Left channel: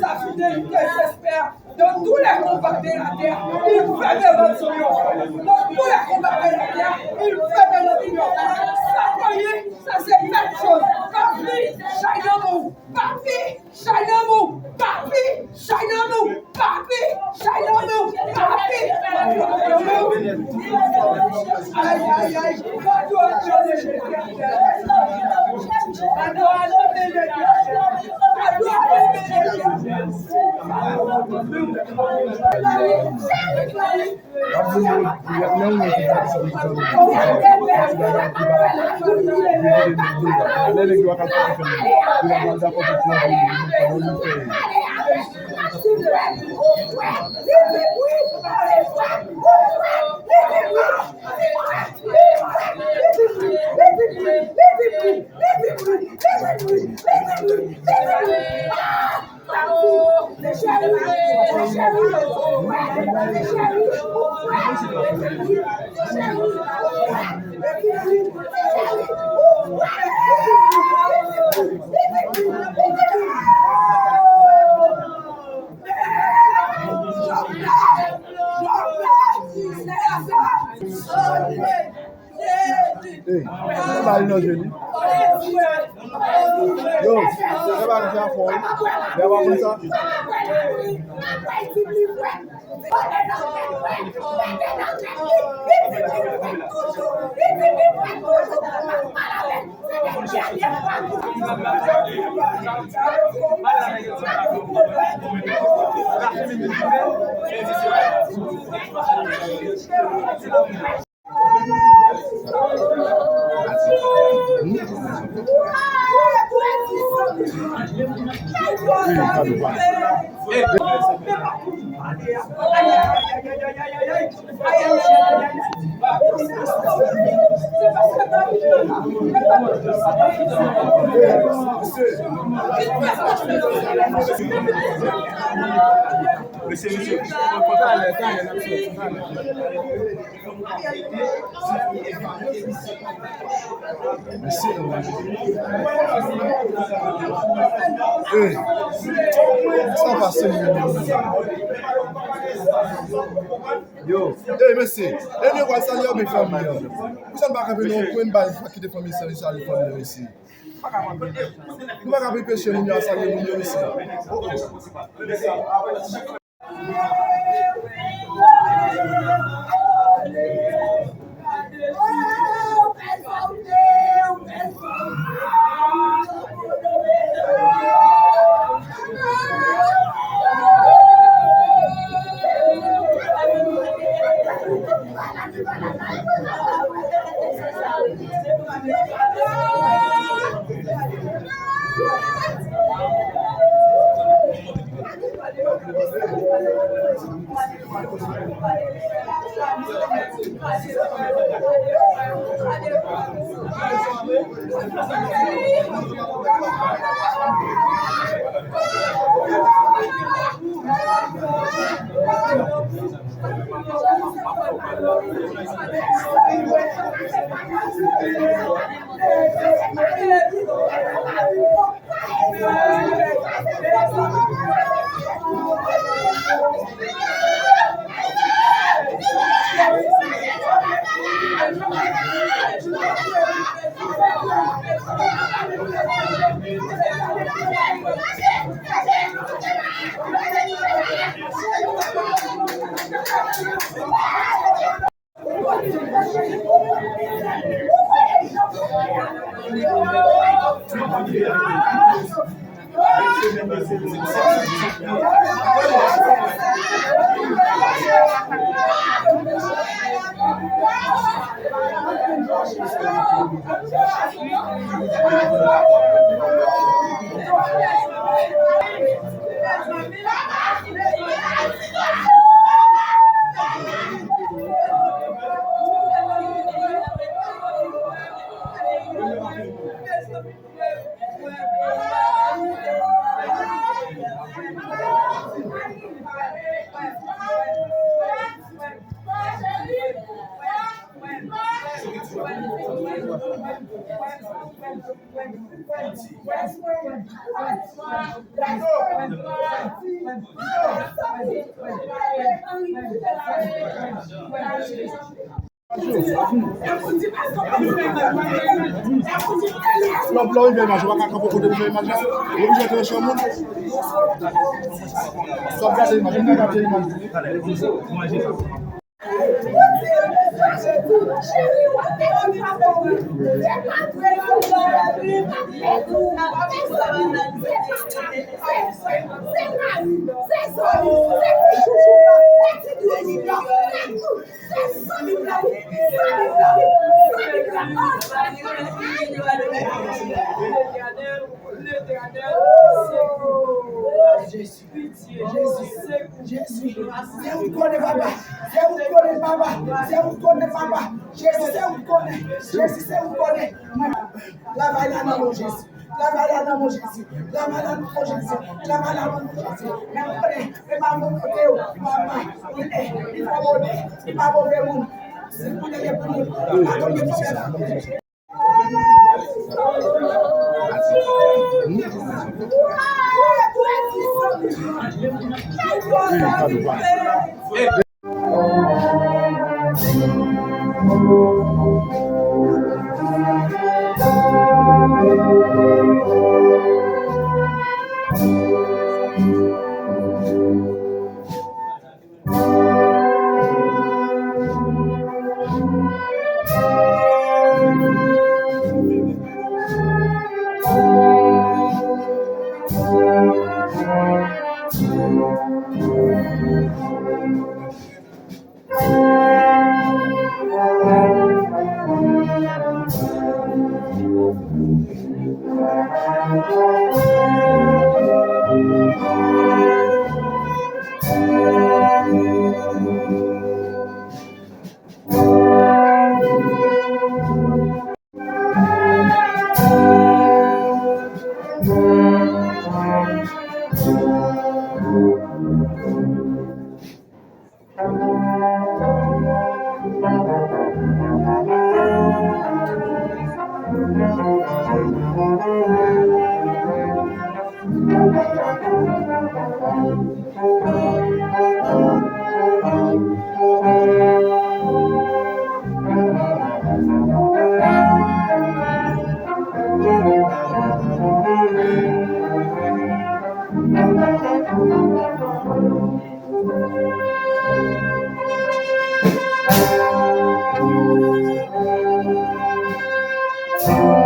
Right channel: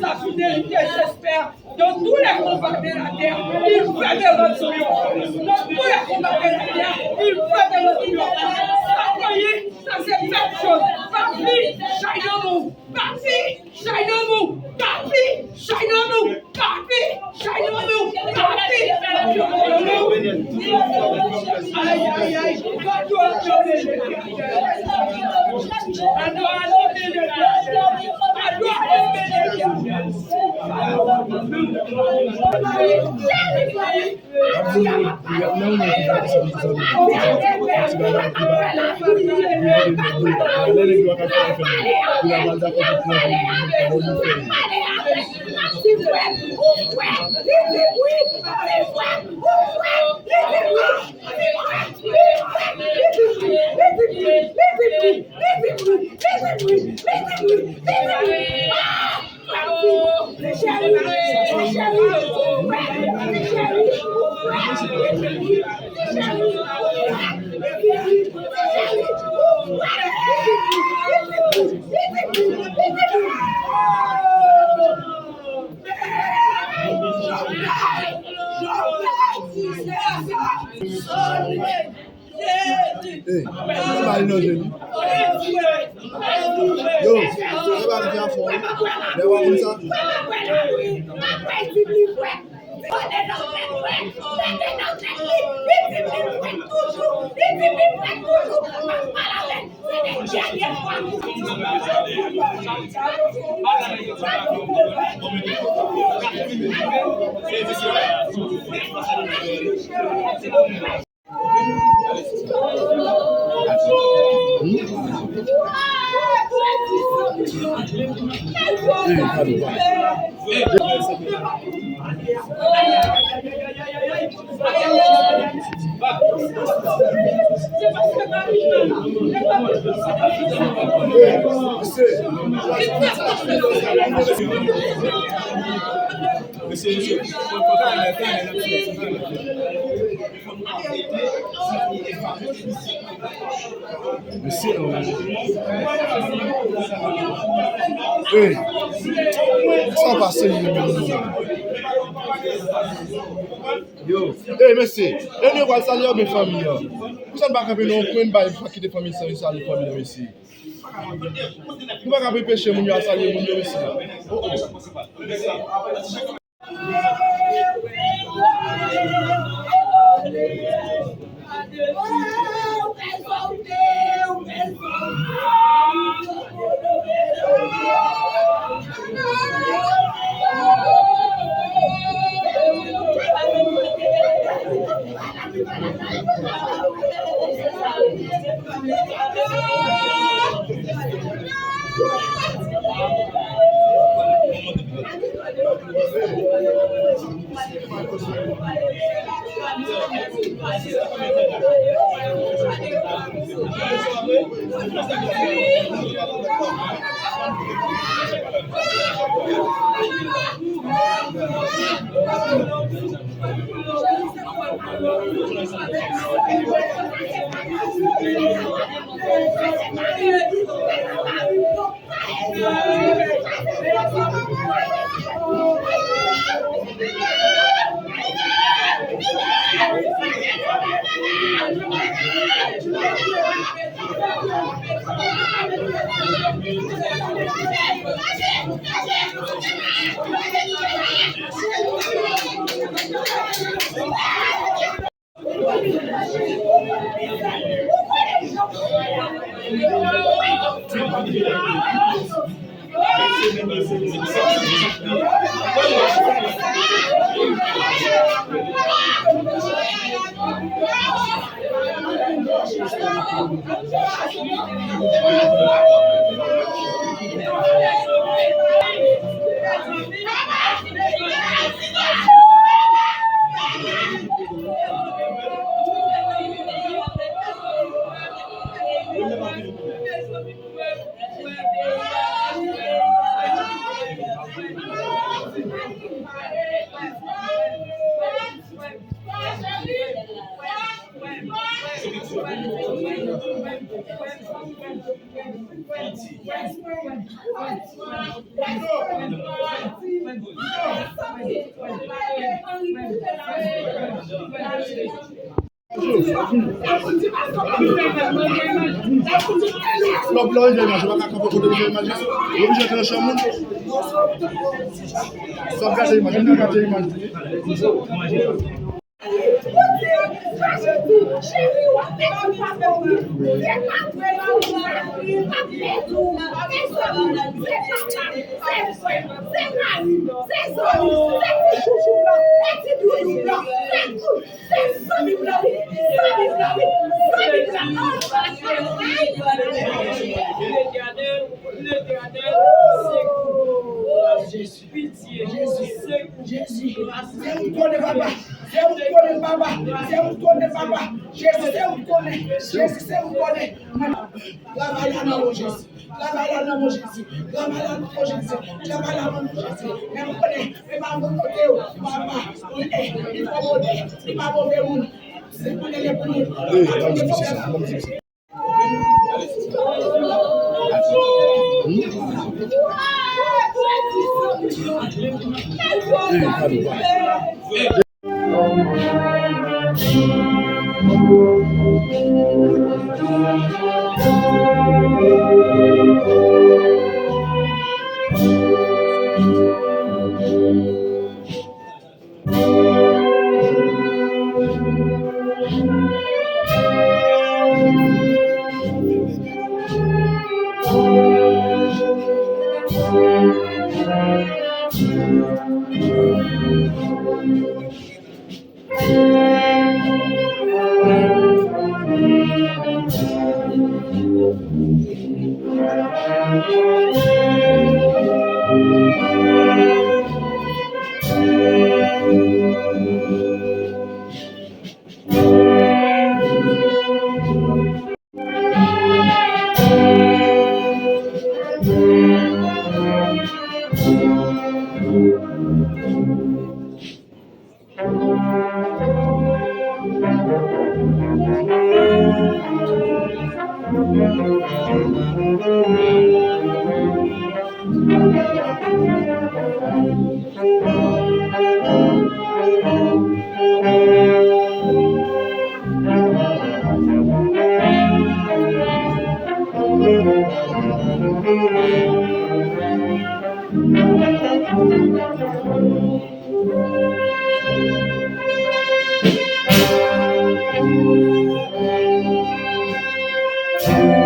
Sa fidélité s'espère dans tous les combats de la terre. Il fait de notre triomphe. Dans tous les combats de la terre, il fait de notre triomphe. Ça croyez, ça c'est quelque chose. Papi, shine on nous. Papi, shine on nous. Papi, shine on nous. Papi, shine on nous. Papi, aïe, aïe, aïe. Yo, ça va nous faire fort. D'avoir comme ça. Ça passe. Yo, monsieur, et nous va saluer mes familles. Vous savez pas que nous pouvons pas quitter famille sans saluer famille monsieur. Nou pa kape peche moun yo asalye moun yo isi. Lop lò yon jè imaj, wak akapò kote yon jè imaj. Yon jè kè chè moun. Sop gade imaj, yon gade imaj. Thank